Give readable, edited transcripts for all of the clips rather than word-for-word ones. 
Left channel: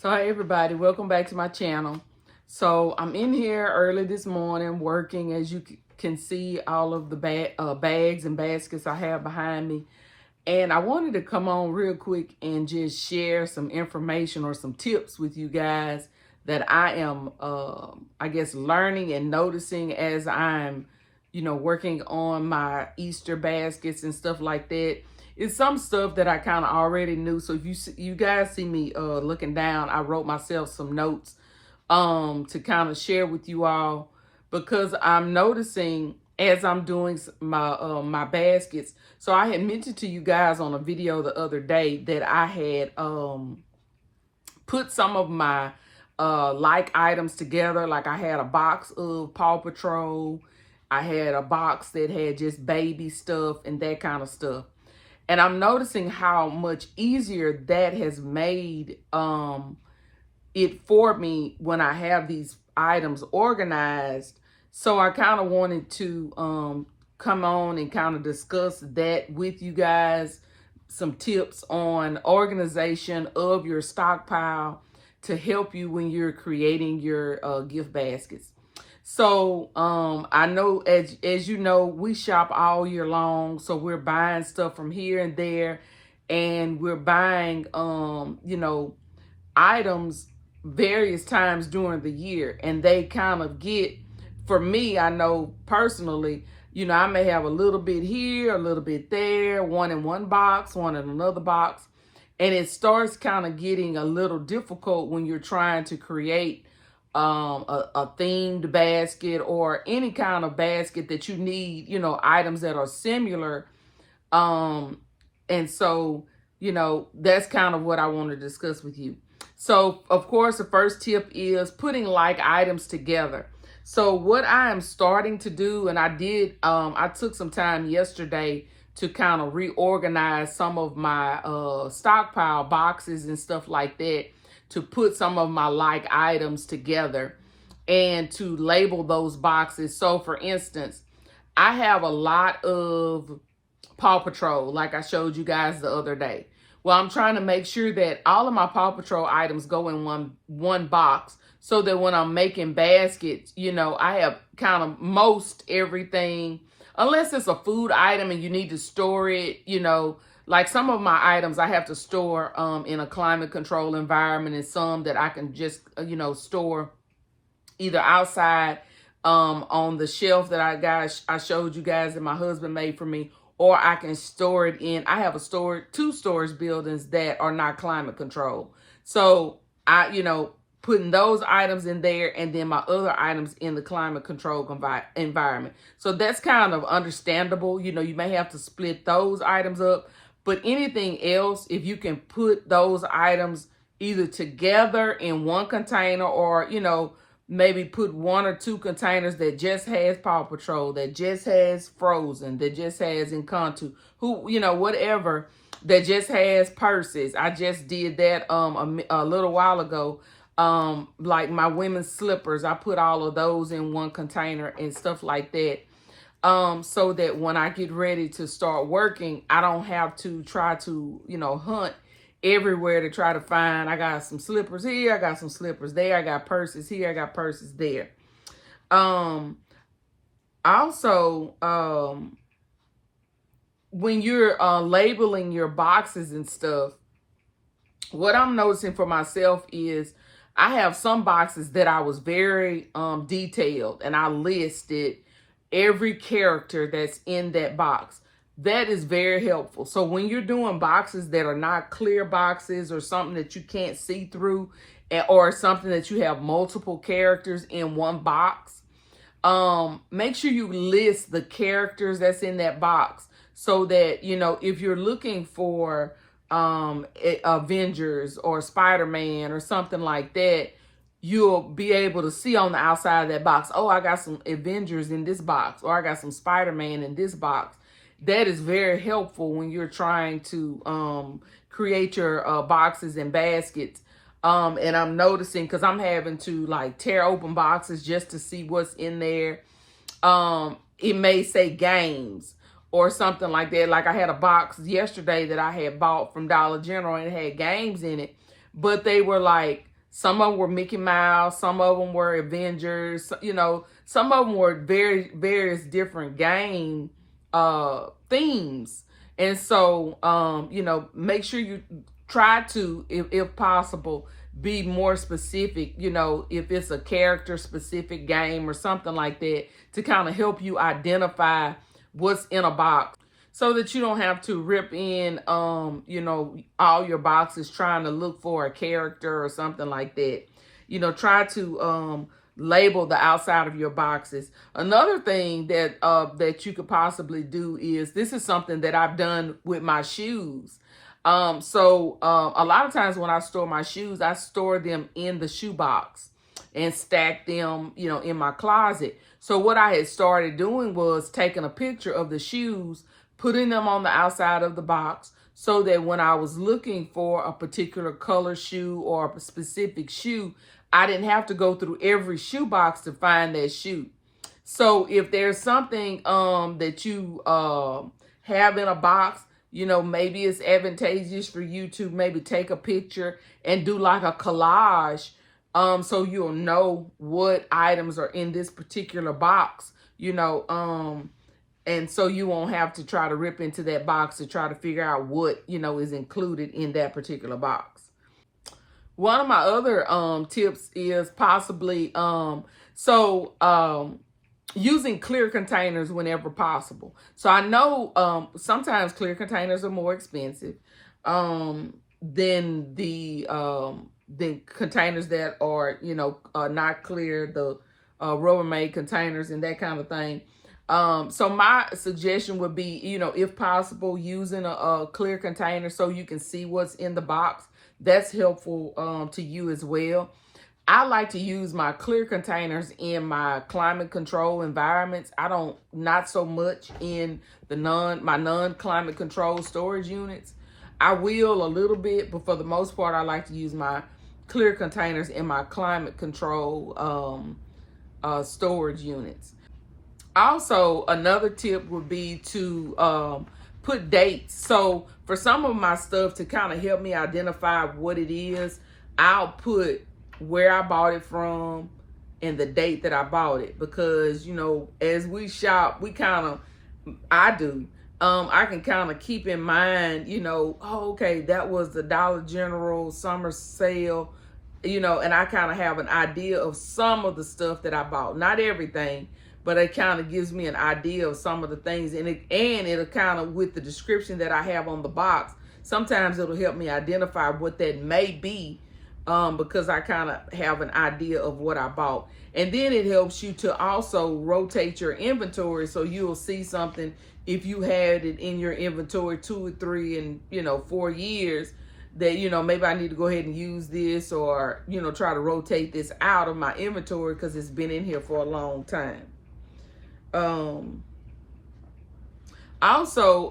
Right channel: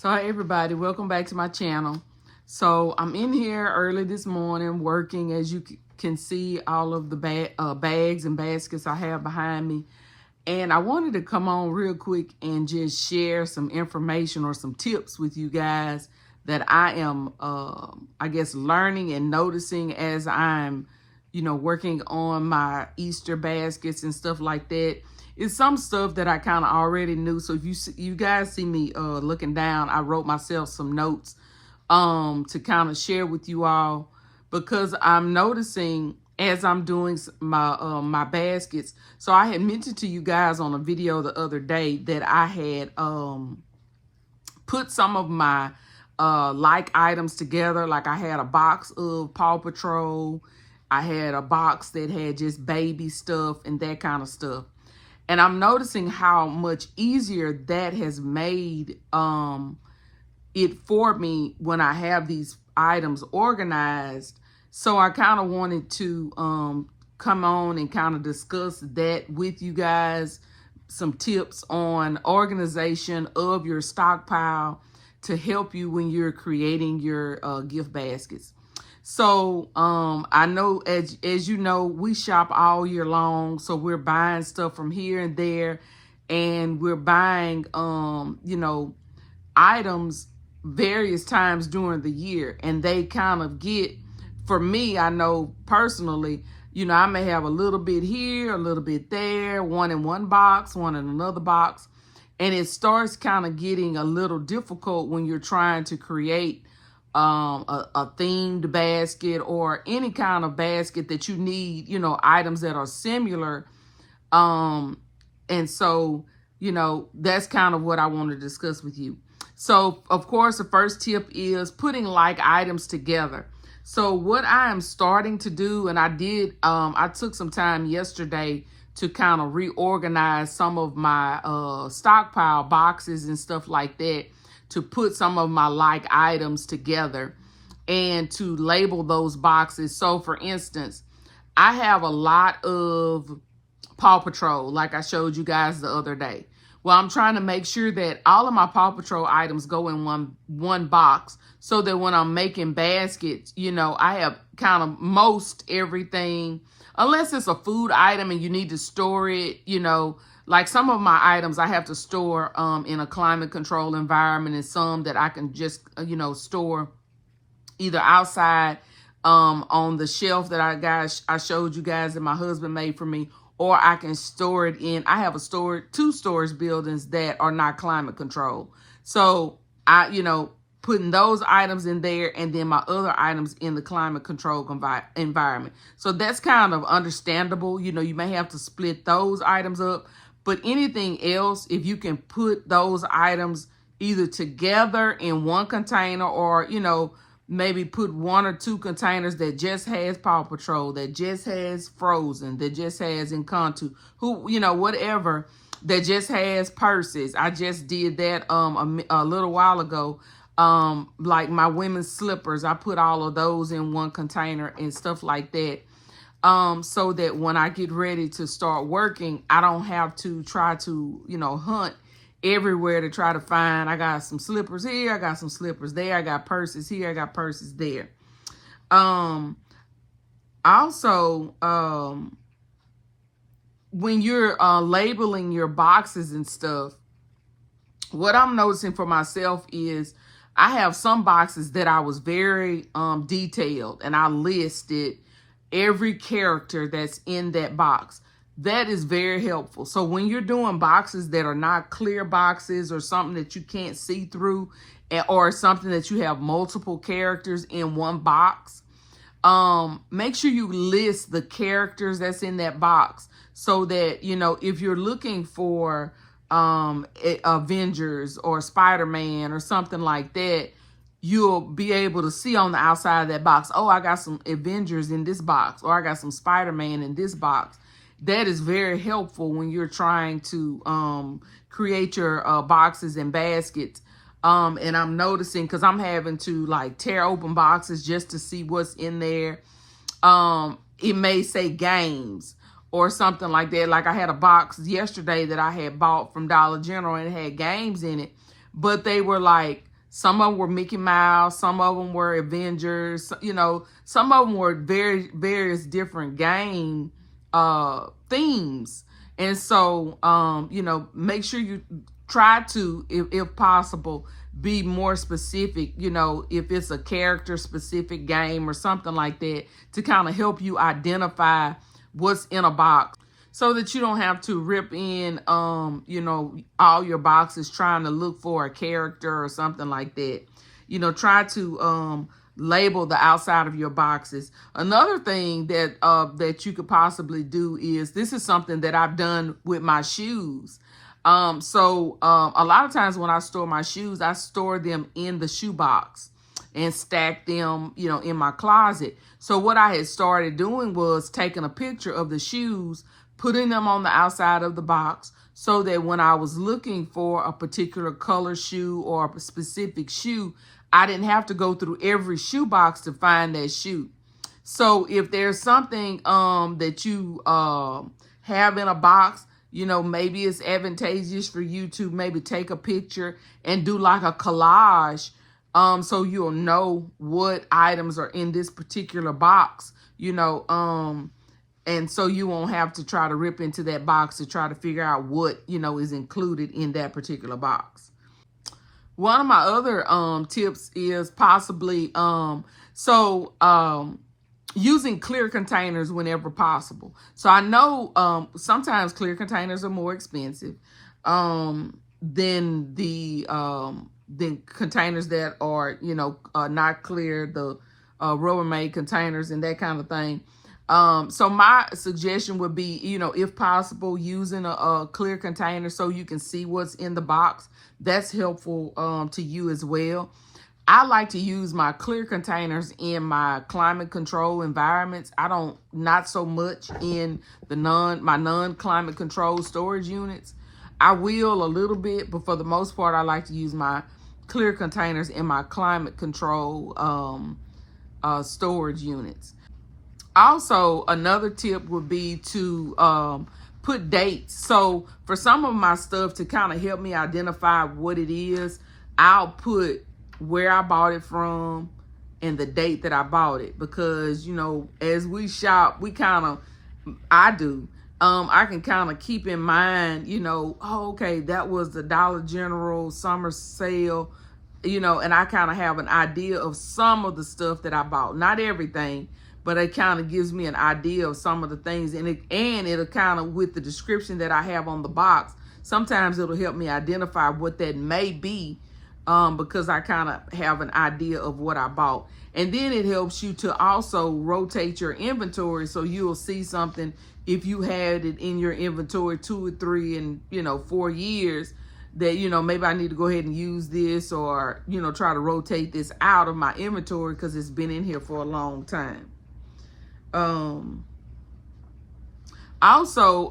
So hi everybody, welcome back to my channel. So I'm in here early this morning working. As you can see, all of the bags and baskets I have behind me. And I wanted to come on real quick and just share some information or some tips with you guys that I am, I guess, learning and noticing as I'm, working on my Easter baskets and stuff like that. It's some stuff that I kind of already knew. So if you guys see me looking down, I wrote myself some notes to kind of share with you all, because I'm noticing as I'm doing my baskets. So I had mentioned to you guys on a video the other day that I had put some of my like items together. Like I had a box of Paw Patrol, I had a box that had just baby stuff and that kind of stuff. And I'm noticing how much easier that has made it for me when I have these items organized. So I kind of wanted to come on and kind of discuss that with you guys. Some tips on organization of your stockpile to help you when you're creating your gift baskets. So I know, as you know, we shop all year long, so we're buying stuff from here and there, and we're buying items various times during the year, and they kind of get, for me, I know personally, I may have a little bit here, a little bit there, one in one box, one in another box, and it starts kind of getting a little difficult when you're trying to create a themed basket or any kind of basket that you need, items that are similar. And so, that's kind of what I want to discuss with you. So, of course, the first tip is putting like items together. So what I am starting to do, and I took some time yesterday to kind of reorganize some of my stockpile boxes and stuff like that, to put some of my like items together and to label those boxes. So for instance, I have a lot of Paw Patrol, like I showed you guys the other day. Well, I'm trying to make sure that all of my Paw Patrol items go in one box, so that when I'm making baskets, I have kind of most everything, unless it's a food item and you need to store it, like some of my items I have to store in a climate control environment, and some that I can just, store either outside on the shelf that I showed you guys that my husband made for me, or I can store it in, I have two storage buildings that are not climate controlled. So I, putting those items in there, and then my other items in the climate control environment. So that's kind of understandable. You may have to split those items up, but anything else, if you can put those items either together in one container, or, maybe put one or two containers that just has Paw Patrol, that just has Frozen, that just has Encanto, whatever, that just has purses. I just did that a little while ago. Like my women's slippers, I put all of those in one container and stuff like that. So that when I get ready to start working, I don't have to try to, hunt everywhere to try to find. I got some slippers here, I got some slippers there, I got purses here, I got purses there. Also, when you're labeling your boxes and stuff, what I'm noticing for myself is I have some boxes that I was very detailed, and I listed every character that's in that box. That is very helpful. So when you're doing boxes that are not clear boxes, or something that you can't see through, or something that you have multiple characters in one box, make sure you list the characters that's in that box, so that, if you're looking for Avengers or Spider-Man or something like that, you'll be able to see on the outside of that box, oh, I got some Avengers in this box, or I got some Spider-Man in this box. That is very helpful when you're trying to create your boxes and baskets. And I'm noticing, because I'm having to like tear open boxes just to see what's in there. It may say games or something like that. Like I had a box yesterday that I had bought from Dollar General, and it had games in it, but they were like Some of them were Mickey Mouse, some of them were Avengers, some of them were various different game themes. And so, make sure you try to, if possible, be more specific, if it's a character specific game or something like that, to kind of help you identify what's in a box, so that you don't have to rip in, all your boxes trying to look for a character or something like that. Try to label the outside of your boxes. Another thing that you could possibly do is, this is something that I've done with my shoes. So a lot of times when I store my shoes, I store them in the shoe box and stack them, in my closet. So what I had started doing was taking a picture of the shoes, putting them on the outside of the box, so that when I was looking for a particular color shoe or a specific shoe, I didn't have to go through every shoe box to find that shoe. So if there's something that you have in a box, maybe it's advantageous for you to maybe take a picture and do like a collage, so you'll know what items are in this particular box, and so you won't have to try to rip into that box to try to figure out what, is included in that particular box. One of my other tips is possibly using clear containers whenever possible. So I know sometimes clear containers are more expensive than than containers that are, not clear, the Rubbermaid containers and that kind of thing. So my suggestion would be, if possible, using a clear container so you can see what's in the box. That's helpful to you as well. I like to use my clear containers in my climate control environments. Not so much in my non-climate control storage units. I will a little bit, but for the most part, I like to use my clear containers in my climate control storage units. Also, another tip would be to put dates. So for some of my stuff, to kind of help me identify what it is, I'll put where I bought it from and the date that I bought it. Because, as we shop, I can kind of keep in mind, okay, that was the Dollar General summer sale, and I kind of have an idea of some of the stuff that I bought. Not everything, but it kind of gives me an idea of some of the things. And it'll kind of, with the description that I have on the box, sometimes it'll help me identify what that may be, because I kind of have an idea of what I bought. And then it helps you to also rotate your inventory, so you'll see something if you had it in your inventory 2 or 3 and 4 years, that maybe I need to go ahead and use this, or try to rotate this out of my inventory because it's been in here for a long time. Also,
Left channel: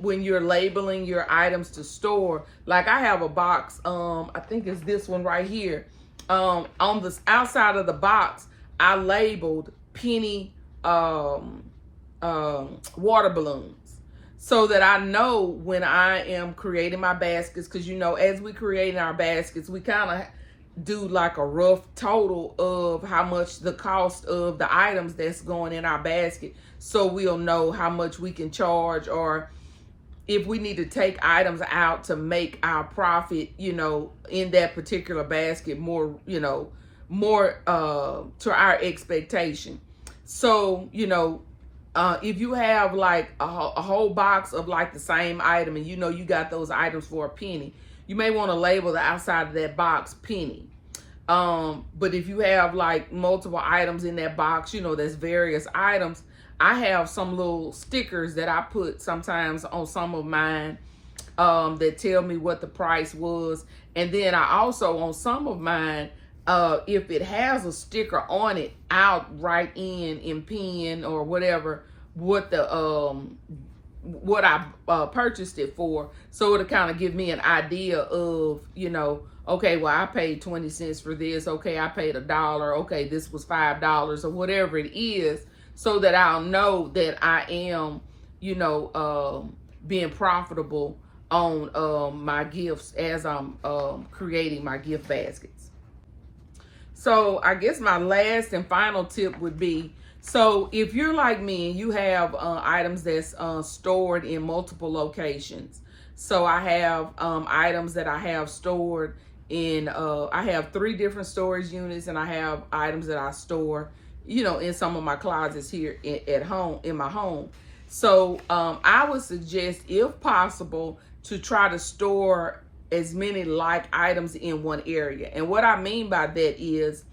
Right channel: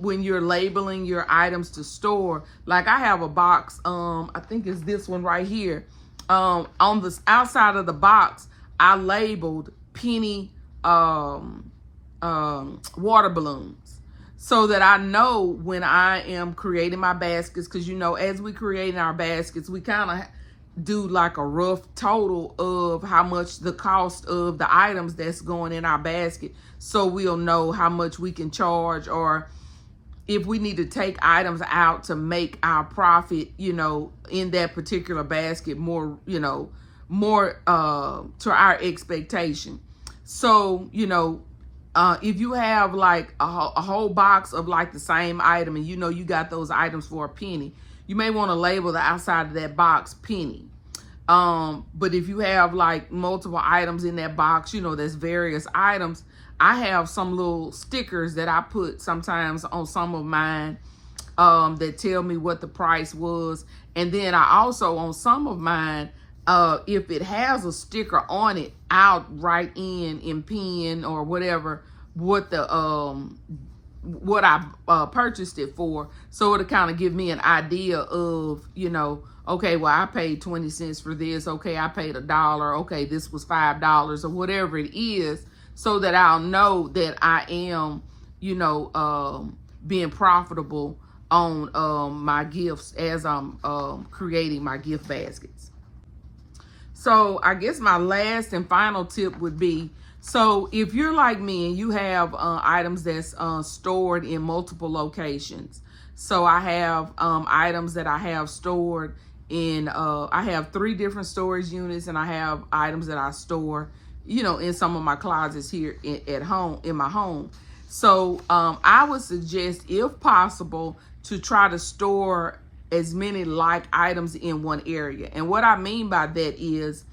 when you're labeling your items to store, like I have a box, I think it's this one right here. On the outside of the box, I labeled penny water balloons, so that I know when I am creating my baskets, because as we create our baskets, we kind of do like a rough total of how much the cost of the items that's going in our basket, so we'll know how much we can charge, or if we need to take items out to make our profit, in that particular basket more to our expectation. So, if you have like a whole box of like the same item, and you got those items for a penny, you may want to label the outside of that box penny. But if you have like multiple items in that box, there's various items, I have some little stickers that I put sometimes on some of mine, that tell me what the price was. And then I also, on some of mine, if it has a sticker on it, I'll write in pen or whatever what I purchased it for, so it'll kind of give me an idea of, okay, well, I paid 20 cents for this. Okay, I paid $1. Okay, this was $5 or whatever it is, so that I'll know that I am, being profitable on my gifts as I'm creating my gift baskets. So I guess my last and final tip would be, so if you're like me and you have items that's stored in multiple locations. So I have items that I have stored in, I have 3 different storage units, and I have items that I store, in some of my closets here at home, in my home. So I would suggest, if possible, to try to store as many like items in one area. And what I mean by that is,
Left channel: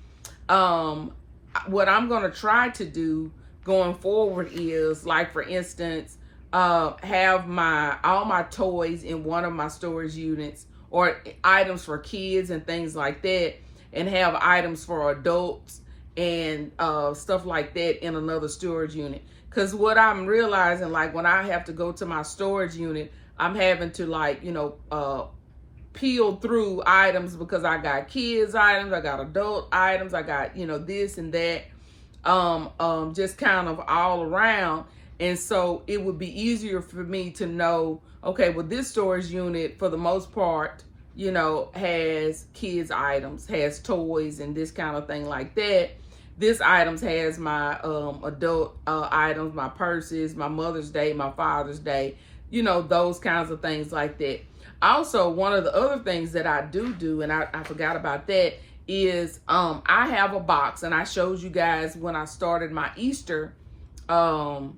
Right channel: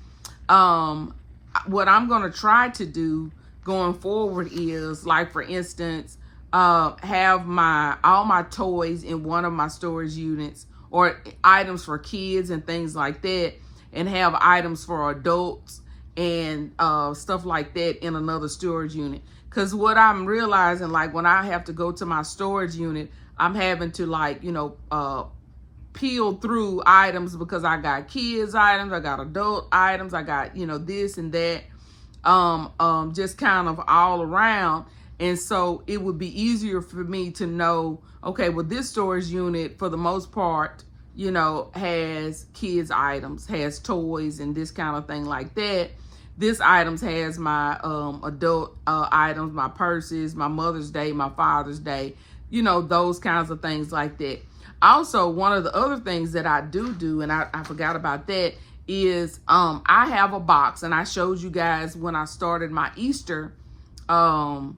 what I'm going to try to do going forward is, like, for instance, have all my toys in one of my storage units, or items for kids and things like that, and have items for adults and stuff like that in another storage unit. Because what I'm realizing, like, when I have to go to my storage unit, I'm having to, like, peel through items, because I got kids items, I got adult items, I got, this and that, just kind of all around. And so it would be easier for me to know, okay, well, this storage unit, for the most part, has kids items, has toys and this kind of thing like that. This items has my adult items, my purses, my Mother's Day, my Father's Day, those kinds of things like that. Also, one of the other things that I do, and I forgot about that, is I have a box, and I showed you guys when I started my Easter, how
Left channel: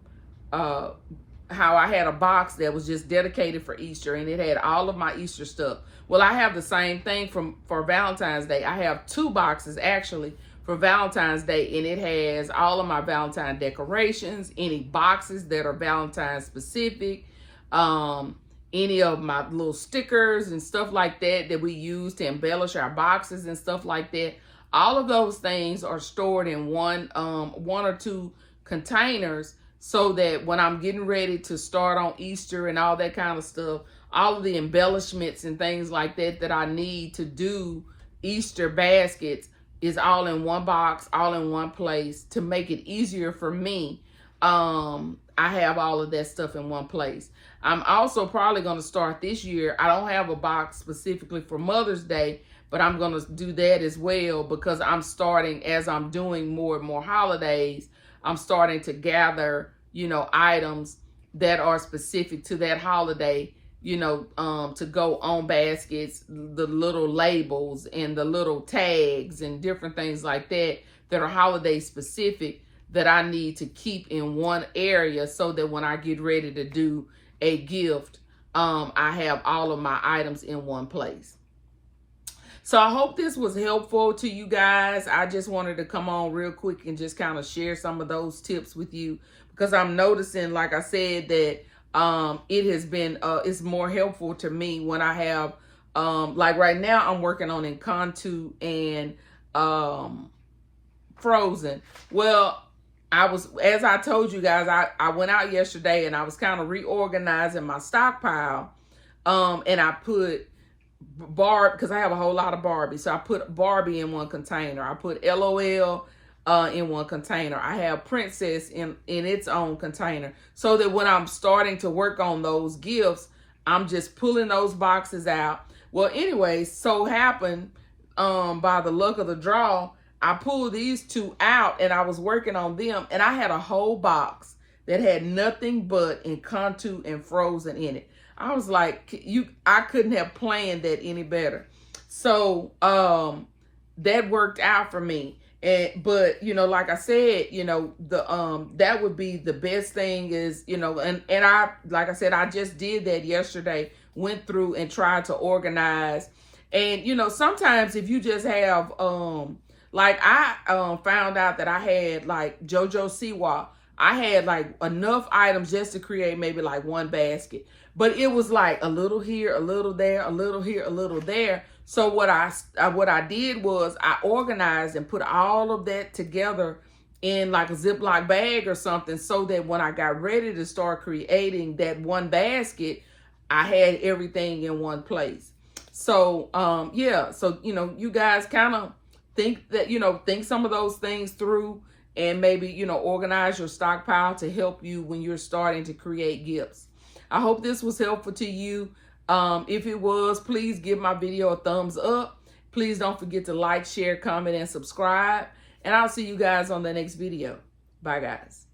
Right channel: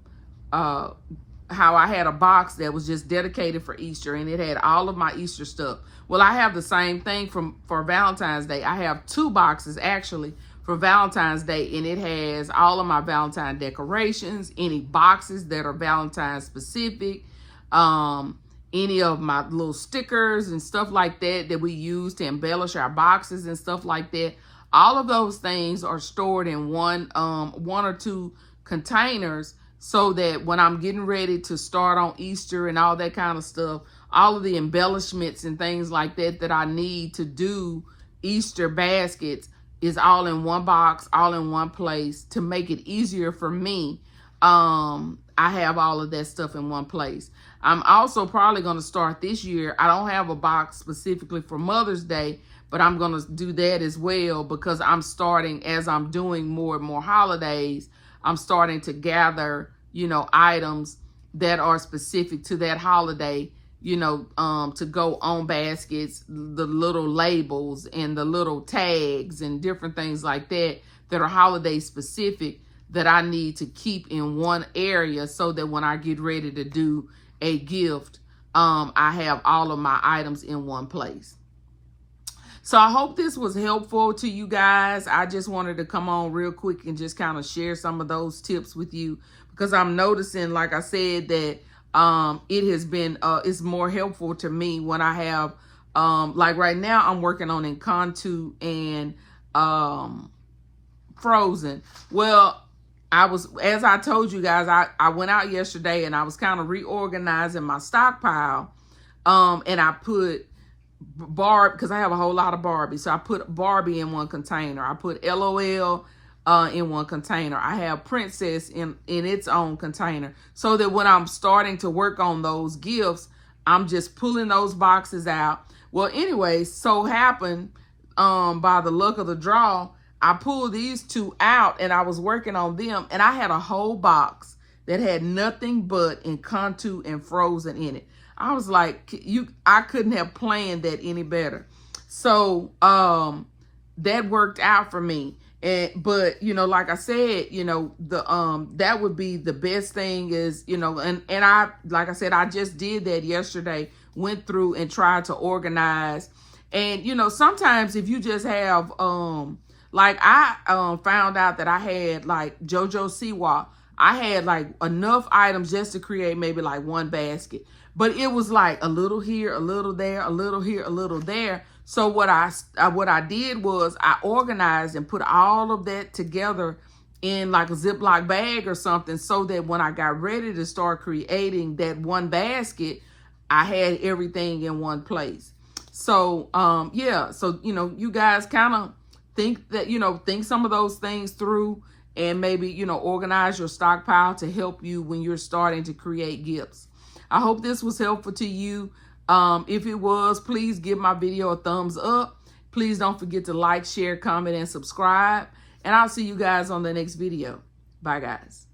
I had a box that was just dedicated for Easter, and it had all of my Easter stuff. Well, I have the same thing for Valentine's Day. I have 2 boxes actually for Valentine's Day, and it has all of my Valentine decorations, any boxes that are Valentine specific, any of my little stickers and stuff like that we use to embellish our boxes and stuff like that. All of those things are stored in one or 2 containers, so that when I'm getting ready to start on Easter and all that kind of stuff, all of the embellishments and things like that I need to do Easter baskets is all in one box, all in one place, to make it easier for me. I have all of that stuff in one place. I'm also probably going to start this year. I don't have a box specifically for Mother's Day, but I'm going to do that as well, because I'm starting, as I'm doing more and more holidays, I'm starting to gather, items that are specific to that holiday, to go on baskets, the little labels and the little tags and different things like that are holiday specific, that I need to keep in one area, so that when I get ready to do a gift, I have all of my items in one place. So I hope this was helpful to you guys. I just wanted to come on real quick and just kind of share some of those tips with you, because I'm noticing, like I said, that it has been, it's more helpful to me when I have, like right now I'm working on Encanto and Frozen. Well, as I told you guys, I went out yesterday and I was kind of reorganizing my stockpile. And I put because I have a whole lot of Barbie. So I put Barbie in one container. I put LOL in one container. I have Princess in its own container. So that when I'm starting to work on those gifts, I'm just pulling those boxes out. Well, anyway, so happened, by the luck of the draw, I pulled these 2 out and I was working on them, and I had a whole box that had nothing but Encanto and Frozen in it. I was like, I couldn't have planned that any better. So that worked out for me. But like I said, that would be the best thing is, and I, like I said, I just did that yesterday, went through and tried to organize. And sometimes if you just have like I found out that I had, like, JoJo Siwa, I had like enough items just to create maybe like one basket. But it was like a little here, a little there, a little here, a little there. So what I did was I organized and put all of that together in like a Ziploc bag or something, so that when I got ready to start creating that one basket, I had everything in one place. So yeah, so you guys kind of think that, think some of those things through, and maybe, organize your stockpile to help you when you're starting to create gifts. I hope this was helpful to you. If it was, please give my video a thumbs up. Please don't forget to like, share, comment, and subscribe. And I'll see you guys on the next video. Bye, guys.